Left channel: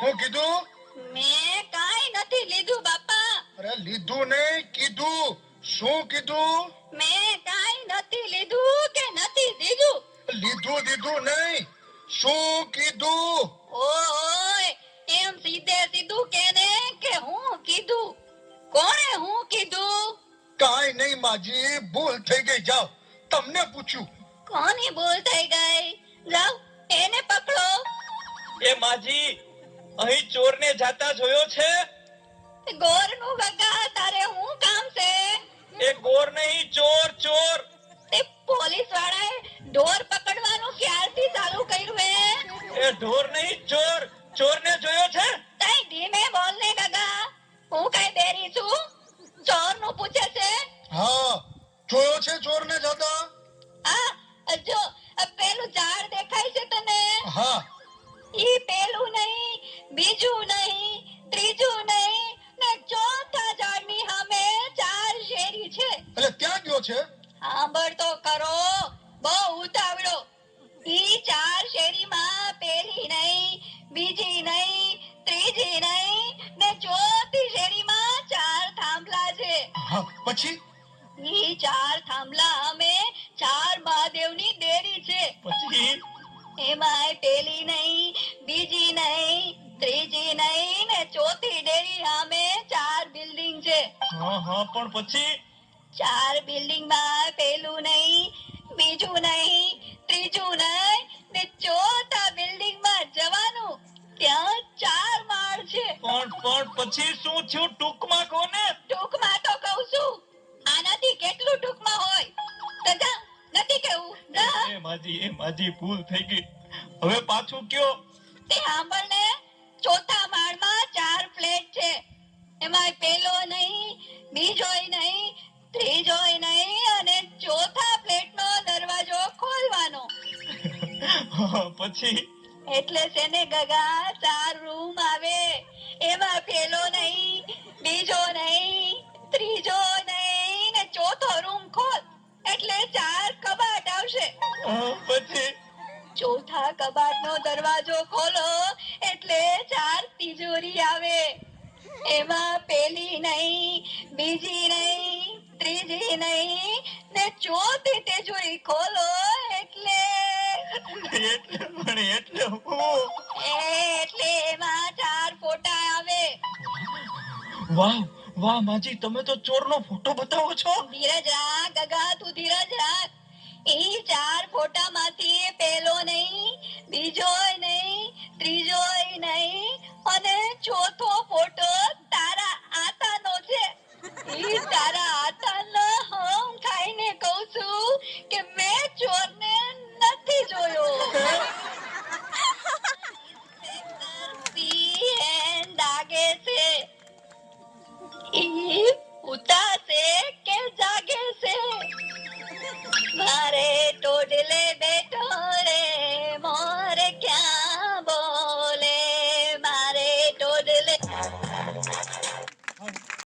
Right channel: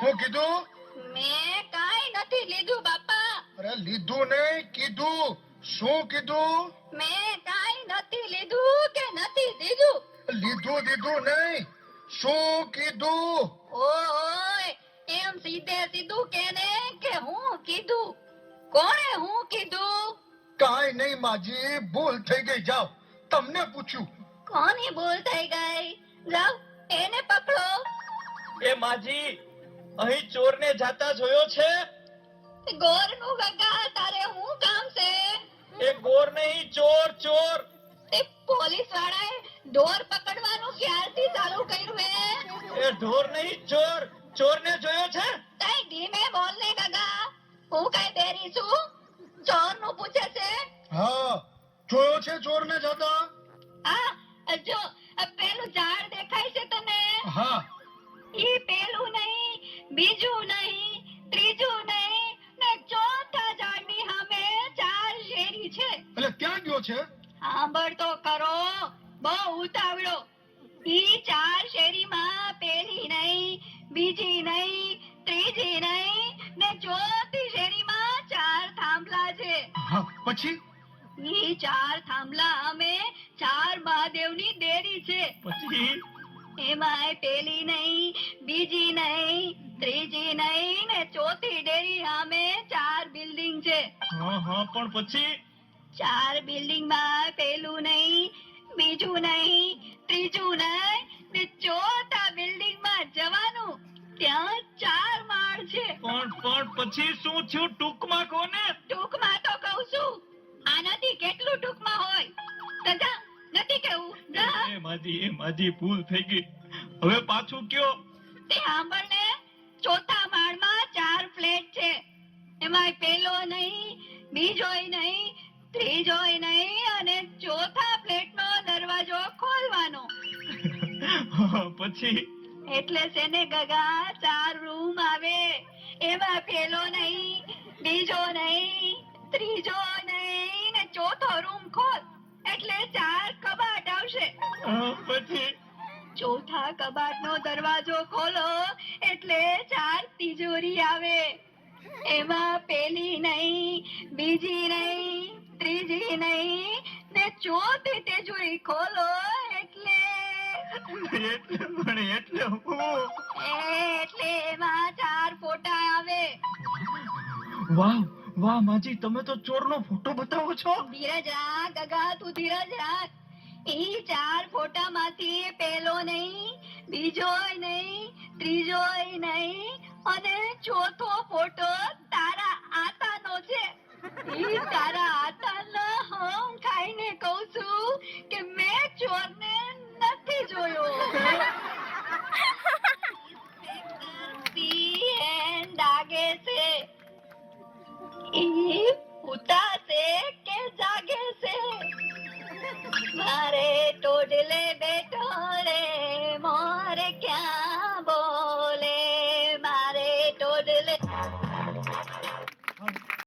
હું કીધું? મેં કાંઈ નથી લીધું બાપા. અરે લીધું નહીં કીધું. શું કીધું? મેં કાંઈ નથી લીધું કે નથી દીધું. લીધું દીધું નહીં. શું કીધું? ઓય એમ સીધે સીધું કેને કે હું કીધું. કોણે હું કીધું? કાંઈ નહીં માજી ભૂલ થઈ ગઈ જાઓ. તમને પૂછ્યું કોની ભૂલ થઈ ગઈ? જાઓ એને પકડો. એ માજી અહીં ચોરને જાતા જોયો છે? ગોરનું કાકા તારે હું કામ છે? એ ગોર નહીં ચોર ચોર. તે પોલીસ વાળાએ ઢોર પકડવાનું ક્યારથી ચાલુ કર્યું હે? એ ઢોર નહીં ચોર. ચોરને જોયો છે? તઈ ધીમે બોલ ને કાકા હું કઈ બેરી છું? ચોરનું પૂછે છે? હા જોયો છે ચોરને જતા? બીજું નહીં ત્રીજું નહીં ને ચોથા ઝાડની સામે ચાર શેરી છે. એટલે ક્યાં ગયો છે? સાંભળ તો કરો બહુ ઉતાવળો. ઈ ચાર શેરીમાં પેલી નહીં બીજી નહીં ત્રીજી નહીં ને ચોથી શેરીમાં ચાર થાંભલા છે. પછી? ઈ ચાર થાંભલા અમે ચાર મહાદેવની દેરી છે. પછી? એમાંય પેલી નહીં બીજી નહીં ત્રીજી નહીં ને ચોથી ડેરી સામે ચાર બિલ્ડિંગ છે. હા હા પણ પછી? ચાર બિલ્ડિંગમાં પેલું નહીં બીજું નહીં ત્રીજું નહીં ને ચોથા બિલ્ડિંગમાં જવાનું ત્યાં ચાર માળ છે. પણ પણ પછી શું થયું? ટૂંકમાં કોને? ટૂંકમાં એ માજી એ માજી ભૂલ થઈ ગઈ. હવે પાછું કયો? તે સાંભળ ચોથા માળમાં ચાર ફ્લેટ છે. એમાં પેલો નહીં બીજોય નહીં ત્રીજોય નહીં અને ચોથા ફ્લેટનો દરવાજો ખોલવાનો. પછી? એટલે સેને ગગા ચાર રૂમ આવે. એમાં પેલો નહીં બીજો નહીં ત્રીજો નહીં. કબાટનો દરવાજો ખોલો એટલે ચાર તિજોરી આવે. એમાં પેલી નહીં બીજી નહીં ત્રીજી નહીં ને ચોથી તિજોરી ખોલો એટલે એટલે પણ એટલે એટલે એમાં ચાર ફોટા આવે. વાહ વાહ માજી તમે તો ચોરનો ફોટો બતાવો છો. ધીરજ રાખ ગગા તું ધીરજ રાખ. એ ચાર ફોટામાંથી પેલો નહીં બીજોય નહીં ત્રીજોય નહીં, અને ચોથો ફોટો તારા આતાનો છે. ઈ તારા આતાનો હમ ખાઈને કહું છું કે મેં ચોરને નથી જોયો. દાગે છે. ઈ